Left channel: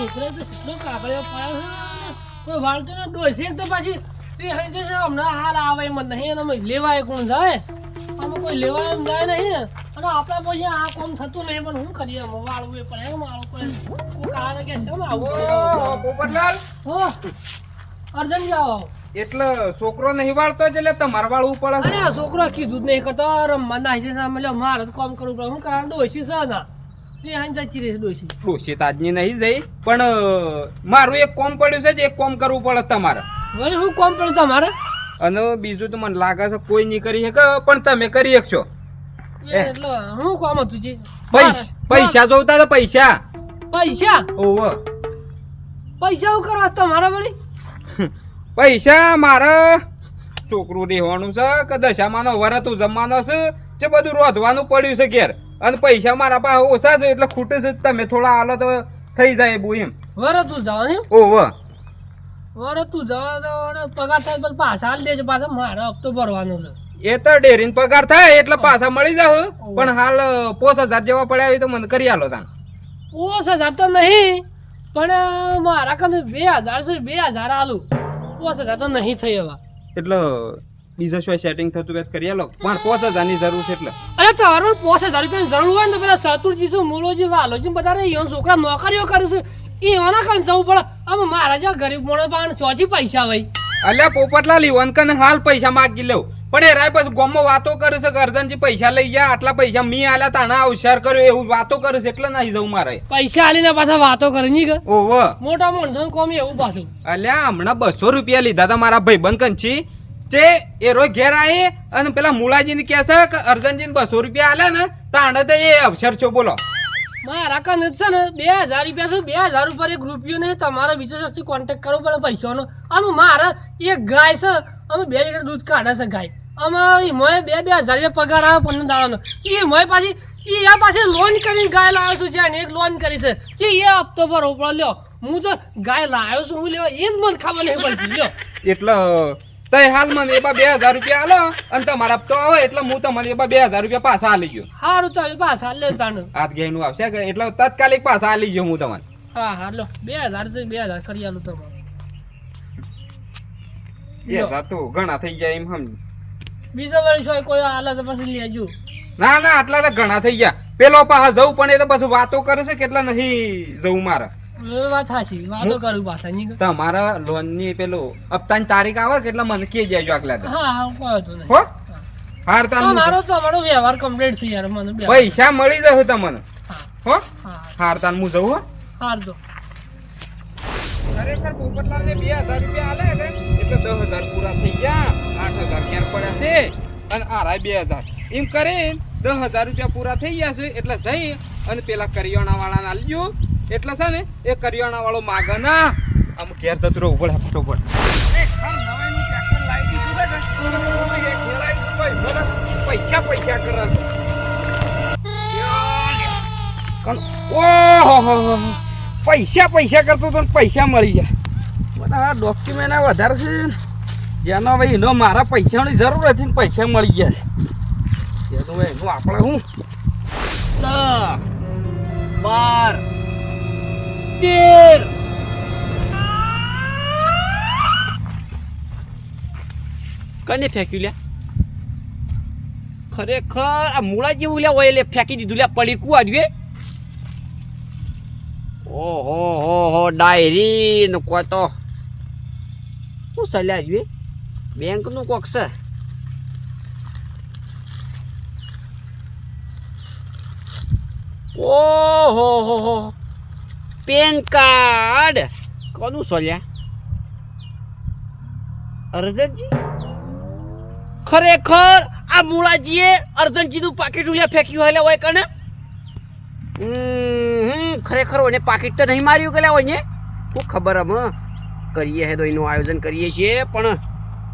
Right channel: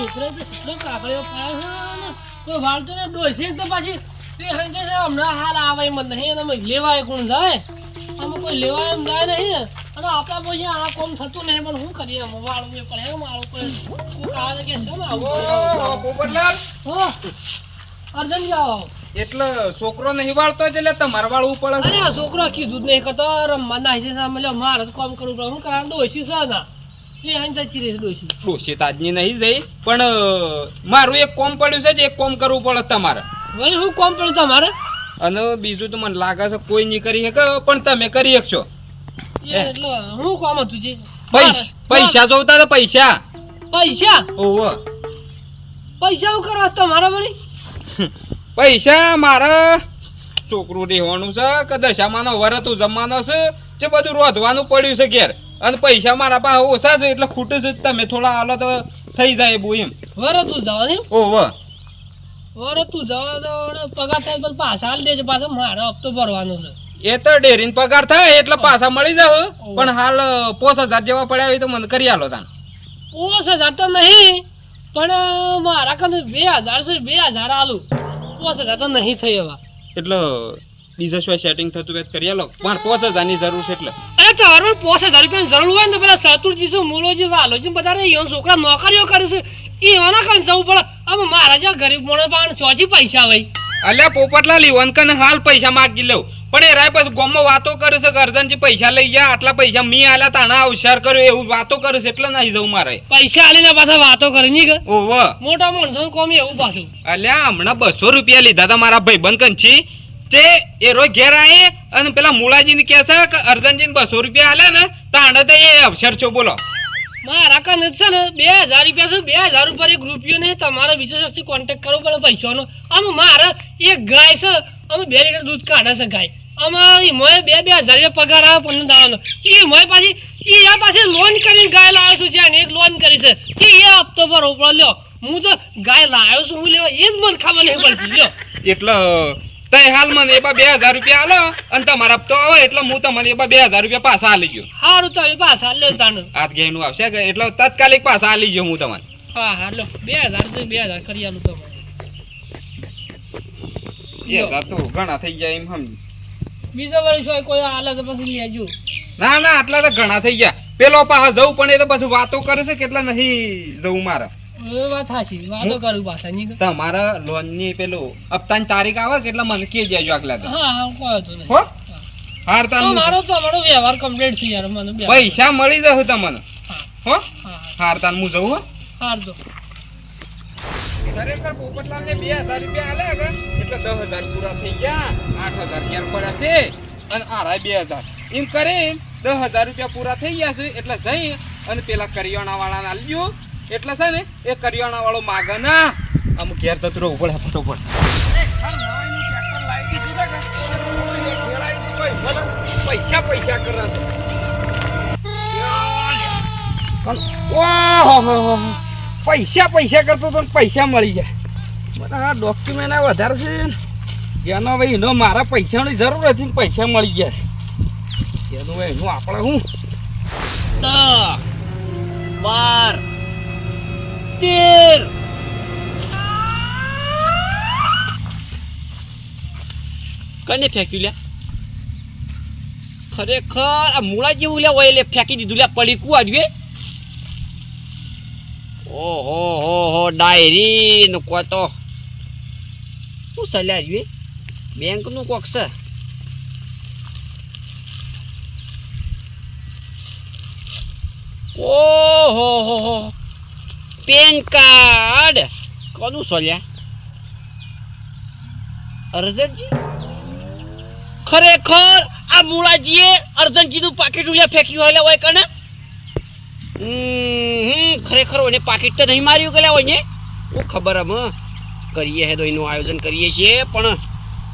છોકરો તો કેટલો કાકડીઓ પાડે છે ને કોઈ વાળતો ને ડોસી તો પાછી એ હંજે છે હમણાં હાલ આવે એમ જ નહીં અને લેવાય કોણ જાય આમાં કોઈ લેવાય એમ જાય નહીં અને આપણા પછી આ કોમ થતું નહીં પણ શું કરીએ વાળવું એ પડે મારું કોઈ કારણ કે છે આવું પોપટલાલ હો અર્જન જાઓ એટલે છોકરો નહીં વાળતો એટલે તમારે વાળવું પડે અરે આ છોકરો કીધું જ નહીં કરતો રમવા નાખી છે સામે મારે તો કામ કરવું પડે શું કરવાનું ડોસી છે ના એ હાઈ જતી રહી ડોસી ડોશી તાજની નહીં જઈ પણ મારું એક કોમ પડ્યું છે જે એક કોમ કરવું પડે તમારે વળી શું કામ પડ્યું તમારે અને બીજું તો મને લાગે છે કોઈ નહીં કરી શકે પણ તમે કરી શકશો એટલે શું કામ હતું છે પૈસા જોતા તો પૈસા પૈસા ઓહો પૈસા શું કરવા તમારા વળી પૈસા મારે છોકરું રહેવાનું છે કે દશામાનો વરતું જમવાનો છે જે બધું રોધવાનું પડ્યું છે ઘેર અને પૈસા મારા પાસે ઓછા છે એટલે ખૂટે છે તમે થોડા હાલો તો થઈ જાય બહુ એમ વરે તું જવાની ઓહો વરે તું જવા પગાર થાય પછી પાછા હાલ દેજે પાછો મારો હપ્તો ભરવાનો છે એ તો ડેરીનો પગાર થાય એટલે પાછા મળી જાવ પણ હાલ 5000 જેવા પડ્યા હોય તો મને કરી આલો તાન 5000 તો નહીં પણ મારા કને 2000 છે 2000 આલું 5000 તો નહીં થઈ હવે એટલે બીજા શું સેટિંગ થતું હોય કરી આલો પણ 5000 ની જરૂર છે એટલે અરે તારો 5000 રૂપિયાની જરૂર હોય ને તો પેલા સતુરજી છે મૂળોજી વાલોજી બધા રે ઈવન છોકરા નોકરીઓ કરે છે એવાના કને જવું પડે હવે મારા જેવા ગરીબ માણસ પાસે ચોથી પૈસા હોય અલ્યા પોપટલાલ ઈવન કને હાલ પૈસા માગી લઉં પણ એ રાય પછી ગામમાં વાતો કરે છે કે અર્જનજી પૈસા લઈ ગયા આટલા પૈસા મી આલ્યા તાણા અવસર કર્યો એવું વાતો કરે છે એટલે નહીં જવું મારે પૈસા આલીને પાછા વાતો કરે નહીં કે ઓહો મોટા માણસો કોમ એવું પાછું અલ્યા હમણાં 200 રૂપિયા લીધા હતા મારા ભાઈબંધ કંછી તે એ રોજ ઘેર આવી અને પેલા મુલાજીને કહે છે કે અર્જનજીને 200 રૂપિયા આલે ને તાણે તો એ અવસર છો બોલો મારા કને છે ને 2000 રૂપિયા છે 2000 ઉપર એક રૂપિયો નહીં તમારે બીજા શખ્સથી કોન્ટેક્ટ કરવો પડે પૈસાનો આમ મારે એક ગાય છે અમે 2 લીટર દૂધ કાઢે છે ગાય અમે મોએ 2000 રૂપિયા પગાર આવે 15 દાડાનો એ મોએ પાછી એ પાછી લોન કરીને ગાય લાવ્યો છું જ્યાં એક લોન કરી છે કે એ હપ્તો ભરવો પડે લ્યો હું તો ગાય લાવ્યો છું હું લેવા એ જ મને ખબર નહીં પડતી લ્યો એટલે તય હાલ મને એબા 2000 રૂપિયા આલો અને તમારા હપ્તો આવે એટલે હું તમને એબા 2000 રૂપિયા પાછા આલી ગયો સારું તમે પાછા લે તાનું હાથ ગેનું આવશે કે એટલે તાત્કાલિક પાછા આલી ગયો હું તમને હા હા લો 2000 તો 2000 કરી આલું તમારે 2000 તો ઘણા થઈ ગયા એમ સમજ બીજા વર્ષ હોય કોઈ હાલે તો પછી લેજો ના ના આટલા તો ઘણા થઈ ગયા પેલો પાછા જવું પણ એ તો પછી વાતો કરે છે કેટલા નહીં જવું મારા એ વાત સાચી વાતો કરું પાછા નહીં તમારા લોન ની પેલું હપ્તાની તારીખ આવે કે એટલે મને કહી દેજો આગલા હા હા કોઈ તો નહીં હો હાર તાન મારો તમારો વ્યવહાર કમ્પ્લીટ થઈ યાર મને પૈસા મળી જશે તમને હો હા હાર તાન હું જઉં હો હાર દો ખરેખર પોપટલાલ ને 2000 રૂપિયા આલે કે એટલે 10000 પૂરા થઈ ગયા 8000 ક્યાર પડ્યા છે અને આરાય 2000 એમ કરીને 10000 રૂપિયા પૂરા થઈ ગયા છે એટલે જઈ અને પેલા કરિયાણા વાળાને આલ્યો એટલે છે ને એ કરિયાણા વાળો માગે ના આમ ઘેર જતો રહો ઉપર ફટો પર પૈસા પૈસા કરે ઓહો પૈસા પૈસા કરતો તો પૈસા મળી જાય મને આ ડોક્યુમેન્ટ વધારે છે જેનો ભાઈ એનો મારા પૈસાની જરૂર હતી ને પૈસા મળી ગયા છે એનું ભાઈ એનું આપણે હું 10 12 13 કને ફેંક્યું લ્યા ખરેખર આ મૂળા જેવું લ્યા હોય એટલે ફેંકી દીધું લ્યા પડીકું આવ્યું ઓહો હો હો ડાયરી નો કો તો શું ચાલ્યા આવ્યું બેંક નું કોક છે ઓહો હો હો પેન કાર્ડ કોનું ચાલ્યા અર્જનજી ખરેખર આ મૂળાજીએ અર્જનજીનું પાકીટ ઉલ્યા ફેંક્યું હોય કને ખરેખર એને પાકીટ તો નહીં માર્યું ગયેલા હોય ને હું ખબર હમ કરીએ હે તો એનું આયોજન કરીએ છીએ પણ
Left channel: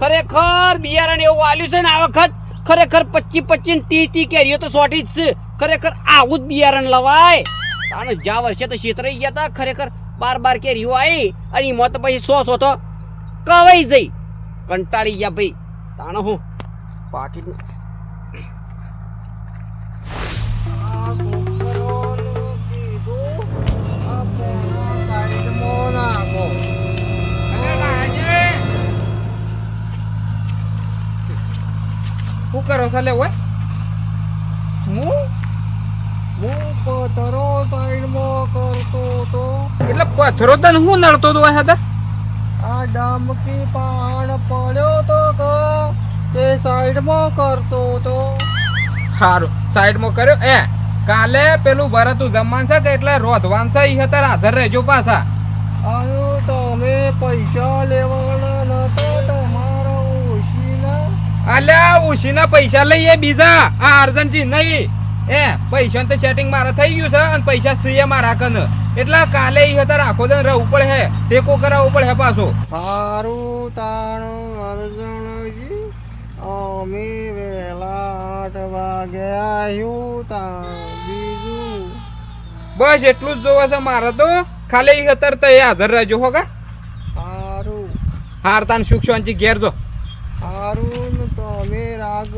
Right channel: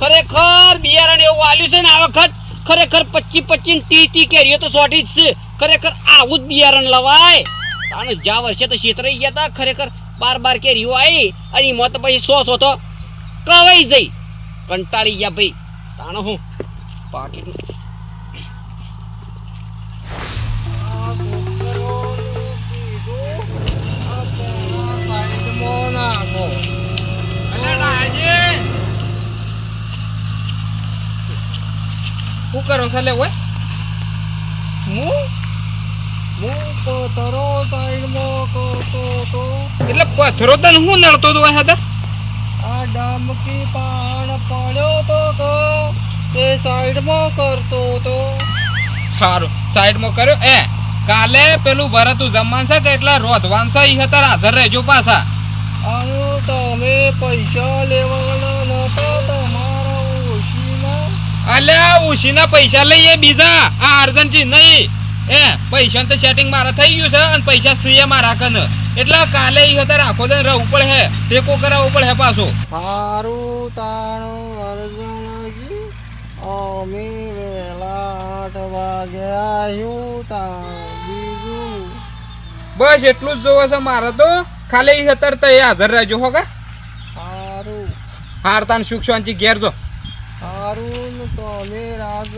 ખરેખર બિયારણ એવું આલ્યું છે ને આ વખત ખરેખર 25 30 કેરીઓ તો સોટી જ છે ખરેખર આવું જ બિયારણ લવાય તાને જ્યાં વર્ષે તો છેતરાઈ ગયા હતા ખરેખર 12 કેરીઓ આવી અને એમાં તો પછી 100 તો કવાઈ જઈ કંટાળી ગયા ભાઈ તાણે હું પાકીટનું આ છો લે ઓય હું પથરો સાઈડમાં કરતો તો એટલે પથરો તને હું નડતો તો હતા આ ડામકી પહાડ પડ્યો તો તે સાઈડમાં કરતો તો સારું સાઈડમાં કર્યો એ કાલે પેલું ભરતું જમવાનું છે કે એટલે રોધવાન છે ઈ હતા હાજર રહેજો પાછા આનું તમે પૈસા લેવાના નતો તમારા ઓશીના અલ્યા ઉશીના પૈસા લઈએ બીજા આ અર્જન્ટજી નહીં એ પૈસા તો સેટિંગ મારા થઈ ગયું છે અને પૈસા સીએ મારા કન એટલે કાલે ઈ હતા રાખો દે રહેવું પડે હે ટેકો કરાવવું પડે હે પાછો સારું તાણું અર્જણજી અમે વહેલા 8 વાગે આવ્યું તા બીજું બસ એટલું જ જોવે છે મારે તો ખાલી ઈ હતા તો એ હાજર રહેજો હો કા સારું હારતાન સુખ શાંતિ ઘેર જો હારું ને તમે રાગ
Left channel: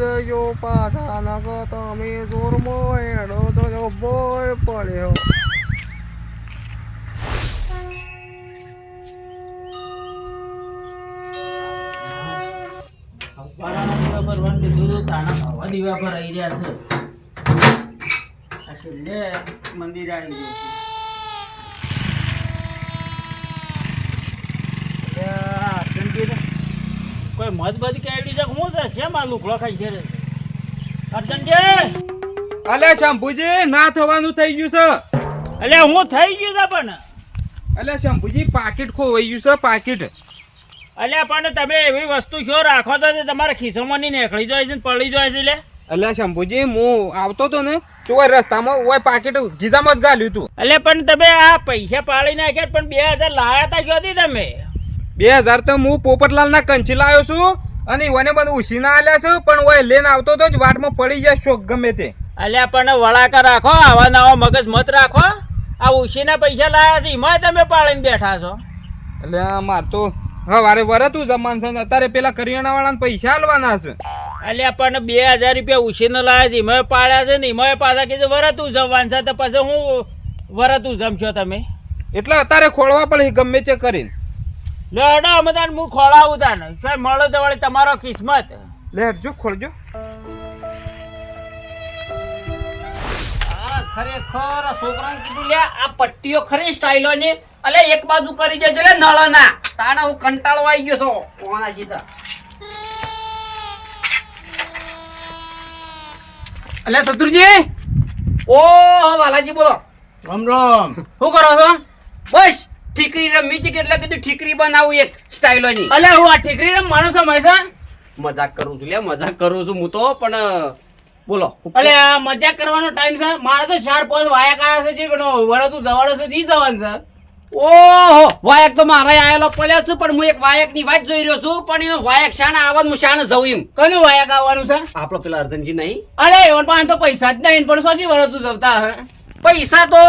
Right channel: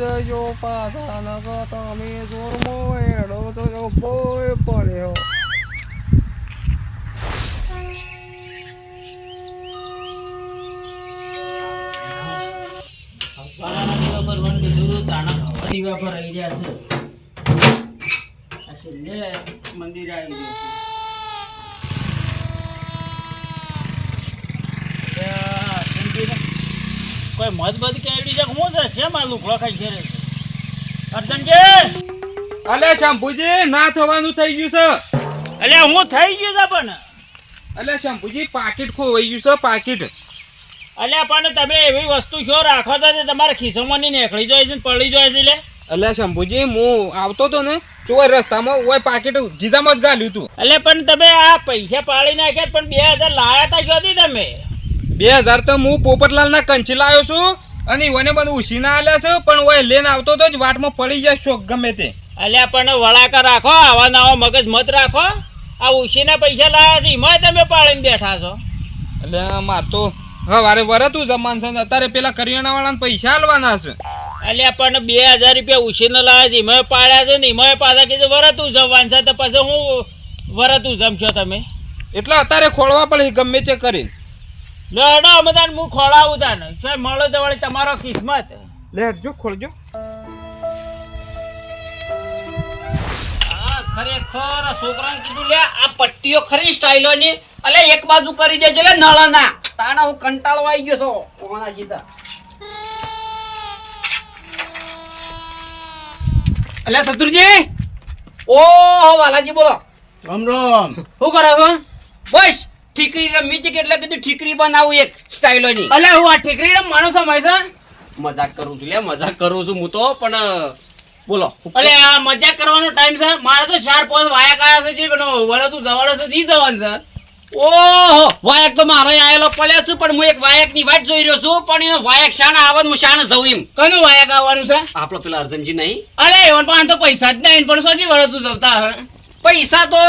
જજો પાછા નકો તમે જોરમાં એડો તો જો બોય પડ્યો મંદિર આવી ગયું કોઈ મત બધ કેડી છે હું છે કેમ આ લુકડો ખાઈ ઘેરે અર્જનજી અલે શંભુજી ના થવાનું થઈ ગયું છે એટલે હું થઈ ગયું છે પણ અલે શંભુજી પાકીટ ખોવાઈ ગયું છે પાકીટ અલ્યા પણ તમે એવી વસ્તુ શું રાખો તો તે તમારા ખિસ્સામાં ની નીકળી જાય છે ને પડી જાય છે લે અલે શંભુજી હું આવતો તો ને તો ઓય રસ્તામાં ઓય પાકીટ ગીધામાં જ ગાલ્યું તું એટલે પણ તમે આ પૈસા પાડી નાખ્યા પણ 2000 લાયા તા ક્યાંથી તમે 2000 તો હું પોપટલાલ ના કંચી લાવ્યો છું અને ઓને બધું ઉસીના આલ્યા છે પણ ઓય લેન આવતો તો જ વાટમાં પડી જાય શોક ગમે તે અલ્યા પણ વળાકા રાખો આવા નવા મગજ મત રાખો આ ઉશીના પૈસા લાયા છે એમાં તમે પાડીને બેઠા છો એટલે માર તો હવારે વરતું જમાન છે ને અત્યારે પેલા કરિયાણા વાળાને પૈસા આલવાના છે અલ્યા પણ 2000 રૂપિયા ઉછીને લાયા છે એમાં પાડ્યા છે ને એમાં પાછા કીધું વરતું જવાનું છે તો પછી હું વરતું જમશો તમે એટલે અત્યારે ખોળવા પડે ગમે તે કરીને લેડો અમે તાને હું ખોળાવું તાને સાહેબ મળો તો વળી તમારો કિસ્મત લેટજો ખોલજો ખરેખર આ છોકરાને કીધું લે આ પટ્ટીઓ ખરી સ્ટાઈલો ની અલે એક બાજુ કરી દેજો લે નળના તાણા હું કંટાળો આવી ગયો છો કોના સીધા અલે સતુરજી ઓ વાલાજી બોલો રામ રામ શું કરો છો બસ ઠીકરી રમી છે એટલે કીધું ઠીકરી બનાવું એક સ્ટાઈલો ની અલે હું આ ઠીકરી રમવાનો સમય છે મજાક કરું છું લે મજાક કરું છું હું તો પણ બોલો અલે આ મજાક કરવાનો ટાઈમ છે મારે તો 4-5 વાયક આયા છે જે વરતું જવાનું છે ઈ જવાનું છે ઓહો વાયક તો મારે આયેલો પડ્યો છું પણ હું એક વાયક ની વાટ જોઈ રહ્યો છું પણ એનો વાયક શાના આવે હું શાને જઉં એમ કનું વાયક આવવાનું છે આપણો પેલા અર્જનજી નહીં અલે એવન પાસે તો પૈસા જ નહીં પણ સોજી વરતું જવતા હે પૈસા તો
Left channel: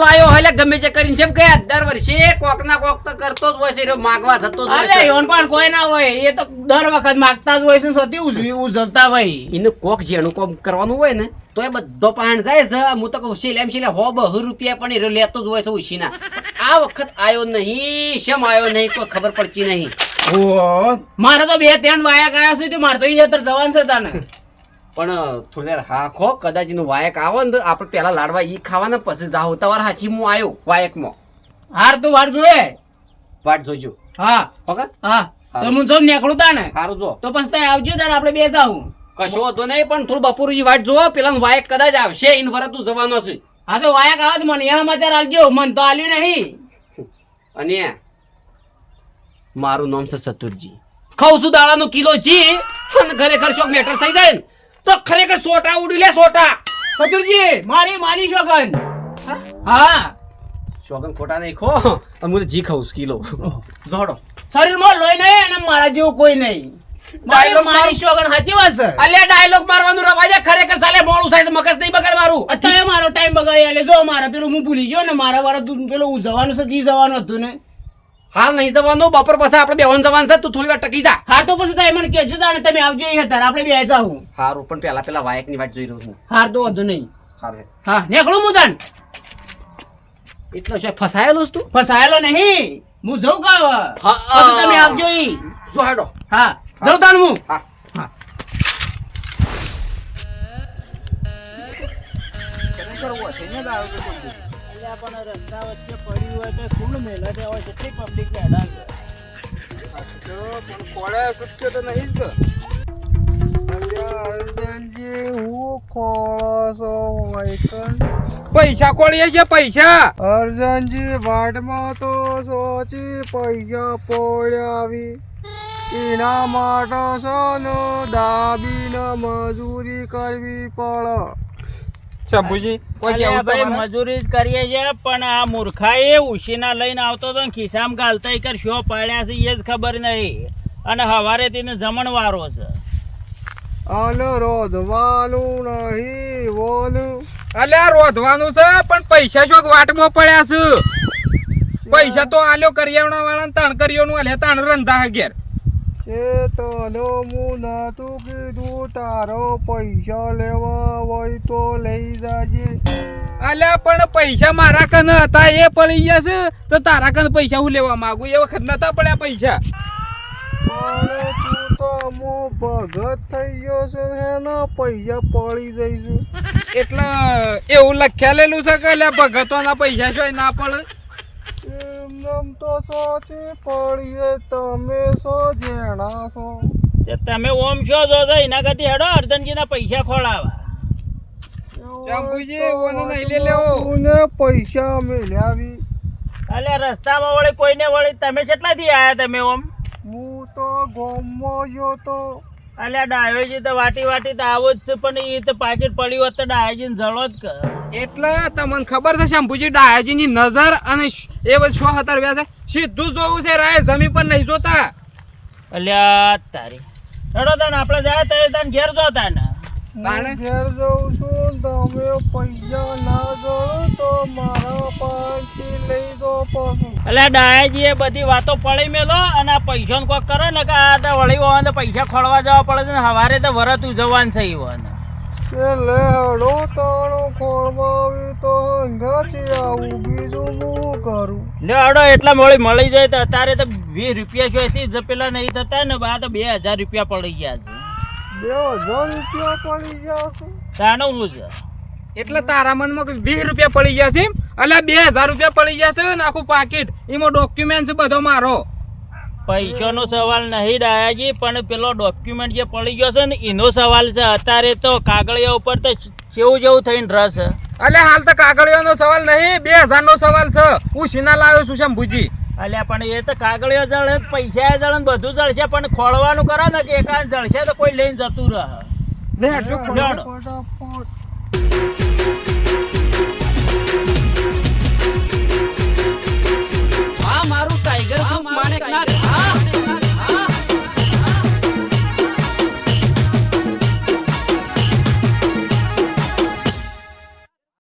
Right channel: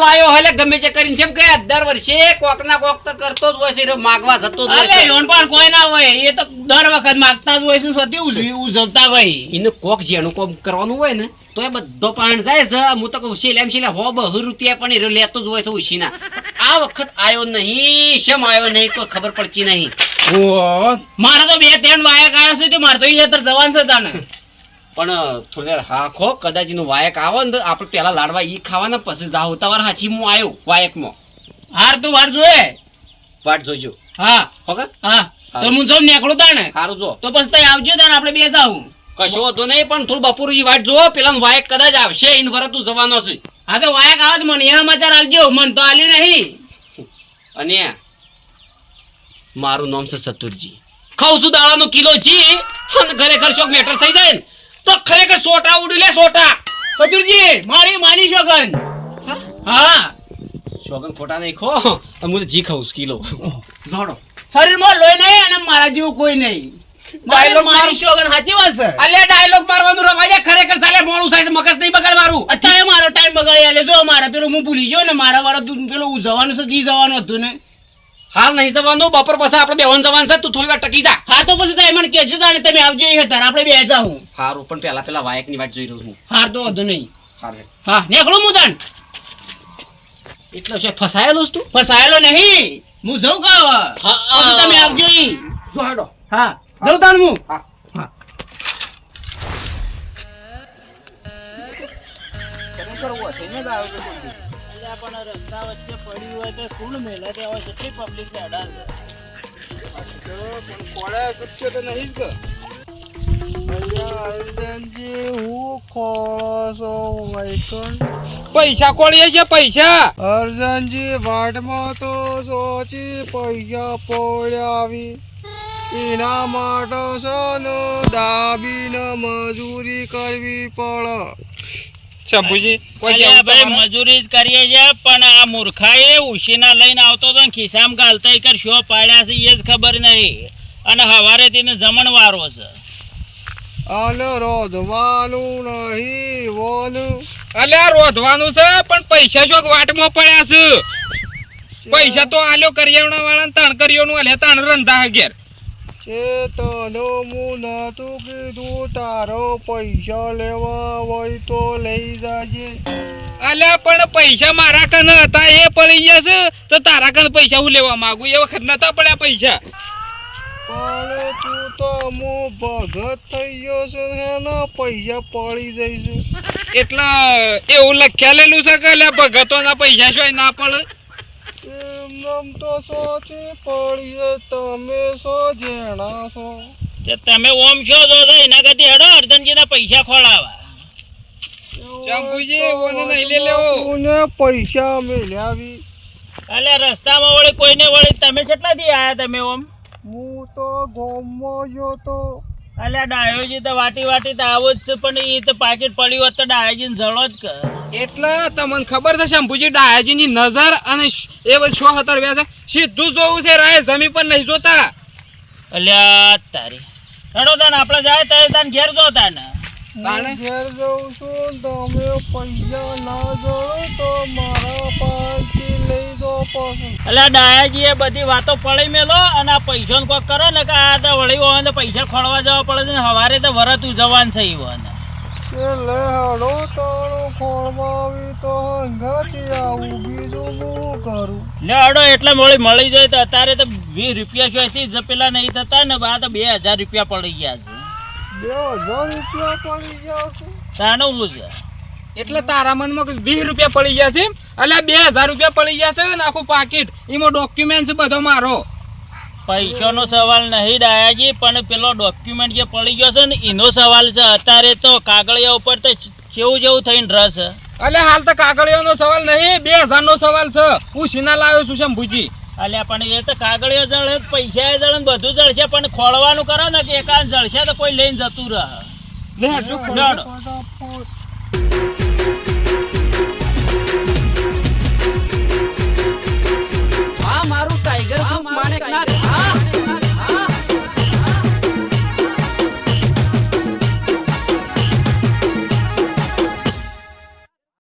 લાયો હાલે ગમે તે કરીને જેમ કે દર વર્ષે કોક ના કોક તો કરતો જ હોય છે માગવા જતો જ હોય અલે છે એવન પાસે કોઈ ના હોય એ તો દર વખત માગતા જ હોય છે સોજી ઉજવતા હોય એને કોક જેનું કોમ કરવાનું હોય ને તો એ બધો પાણ જાય છે હું તો કહું શીલ એમ શીલે 100-200 રૂપિયા પણ એ લેતો જ હોય છે ઉછીના આ વખત આયો નહીં શેમ આયો નહીં કોઈ ખબર પડતી નહીં ઓ મારે તો 2-3 વાયક આવ્યા છે તો મારે તો ઈ જવાનું છે તાને પણ થોડી વાર હાખો કદાચ એનું વાયક આવે ને આપણે પેલા લાડવા ઈ ખાવાના પછી જાવ તવાર હાચી હું આવ્યો વાયકમાં હાર તો વાર જોયે વાટ જોજો હા ઓકે હા તો હું જો નીકળું તાને સારું જો તો પછી તઈ આવજો તાને આપણે બે જાવું કશો વાંધો નહીં પણ થોડું બપોરની વાટ જોવો પેલા વાયક કદાચ આવશે એને વરતું જવાનો છે હા તો વાયક આવે તો મને એના સમાચાર આલજો મન તો આલ્યું નહીં અને મારું નામ છે સતુરજી ખાઉં છું દાડાનો કિલો જી અને ખરેખર શોખ મેટર થઈ જાય ને તો ખરેખર સોટા ઉડી લે સોટા સતુરજી મારી માની શોગન હા શોગન ખોટા નહીં ખો અને હું જી ખાઉં છું કિલો જોડો શરીરમાં લોહી નહીં અને મારા જેવું કોઈ નહીં Dialogue મારી શોગન સાચી વાત છે અલ્યા ડાયલોગ મારવાનું રવા દે ખરેખર સાલે મોડું થાય તો મગજ નહીં બગાડ મારું અત્યારે મારો ટાઈમ બગાડી આલે જો મારે પેલું હું ભૂલી ગયો ને મારા વાળા તું પેલું જવાનું છે કી જવાનું હતું ને હાલ નહીં જવાનું બપોર પછી આપણે બેવાનું જવાનું છે તું થોડી વાર ટકી જા હા તો પછી તમે મને કહેજો તાને તમે આવજો એ હતા આપણે બે જાઉં હારું પણ પેલા વાયકની વાટ જોઈ રહ્યો છું હાર તો વધુ નહીં હારે હા નીકળું હું તાન એટલો છે ફસાયેલો છું તું ફસાયેલો નહીં હું જઉં ગાવા હા. પછી તમે આવજો ઈ જો હેડો હા જઉં તાન હું હા કરવો થઈને જ આવ્યો તો બધું. અલ્યા પણ રસ્તા વચ્ચે પડ્યું હોય તો શું મેલા તે હોય કેટલી પબ્લિક હેડાન છે. પણ કોળા કુત્યો તો નહીં જ કે પૈસા કોળીએ છે પૈસા અર્જનજી વાટમાં તો સોચી પૈસા પડ્યાવી એના માટે સનો દાબીને મજૂરી કરવી પડે. શંભુજી કોઈ અલ્યા કેવું ભાઈ તમારે? મજૂરી જ કરીએ છે પણ આ મૂર્ખાએ ઉશીના લઈને આવતો તો ને ખિસ્સામાં ગાલતા કર શો પાડ્યા છે એ જ ખબર નહીં અને હવારે તેને જમણવારો છે. અને રોધવાનું નહીં વોનું અલ્યા રોધવાનું છે પણ પૈસા શોક વાટમાં પડ્યા છે. પૈસા તો આલ્યો કરિયાવણા વાળા તાણ કરિયોનું આલે તાણ રંધા ઘેર. ચેતનો હું નતું કીધું તારો પૈસા લેવા હોય તો લઈ જાજે. અલ્યા પણ પૈસા મારા કન હતા એ પડી ગયા છે તો તારા કન પૈસા હું લેવા માંગુ એ વખત નતા પડ્યા પૈસા. પણ તું તો હું ભગત થઈ ગયો છે ને પૈસા પડી જઈશ. એટલે એવું લખ્યાલેલું છે કે અલ્યા ભગતોના પૈસા શોય ના પડે. એમ તો સોચી પડીએ તમે સો જેણા છો. તે તમે ઓમ છો જો તો એના કરતી હેડો અર્જનજીના પૈસા ખોળાવા. શંભુજી, ઓને નહીં લે લેવો. તુને પૈસા મેલ્યાવી. અલ્યા રસ્તામાં વળી કોઈને વળી તમે કેટલાથી આયા તમે ઓમ? હું તો ગોમમાં ગયો તો. અલ્યા ડાયોજી તો વાટી વાટી તો આવો જ છે પણ એ તો પાકીટ પડ્યું હોત તો ડાયોજીને જળો જ કર. એટલે તમને ખબર છે શંભુજી ડાયાજીની નજર અને એ બધું શો હતર વ્યા છે સીધું જોવું છે રાય જમીન પર નહીં જોતા. અલ્યા તારી હેડો તાન આપણે જાય તાન ઘેર જો તાન. તાણે? હું ઘેર જાઉં છું તમે પૈસા ના જોડો તો મારા પાસેથી લઈ દો પાછું. અલ્યા ડાયાજીએ બધી વાતો પડી મેલો અને આ પૈસાનું કોક કરે ને કે આ તો વળી હોય તો પૈસા ખોળવા જવા પડે છે ને સવારે તો વરત ઉજવવાનું છે ઈવન. કે લે હડો તારો ખોળવા આવી તો હંગાથી આવું બીજું હું કરું. લે હેડો એટલા વળી મળી જાય તો અત્યારે તો 20 રૂપિયા જોઈતી જ પેલા નહીં થતા ને આ તો 2000 રૂપિયા પડી ગયા છે. 2000 રૂપિયા પડી ગયા છે. તાનું હું છે એટલે તારા મનમાં કે 20 રૂપિયા પડી ગયા છે અલ્યા 2000 રૂપિયા પડી ગયા છે ને આખું પાકીટ એમાં ડોક્યુમેન્ટ છે બધો મારો. પૈસાનો સવાલ નહીં ડાયાજી પણ પેલો ડોક્યુમેન્ટ જે પડી ગયો છે ને એનો સવાલ છે. અત્યારે તો કાગળિયા ઉપર તો જેવું જેવું થઈને રસ. અલ્યા હાલ તો કાગળિયાનો સવાલ નહીં 2000 નો સવાલ છે. હું સીના લાવ્યો છું શંભુજી. અલ્યા પણ એ તો કાગળિયો જળે પૈસા જળે ને બધું જળશે પણ ખોળવાનું કરો ને કે એકાદ જળશે તો કોઈ લઈને જતું રહે. લે હટજો લેવડો. ફટાફટ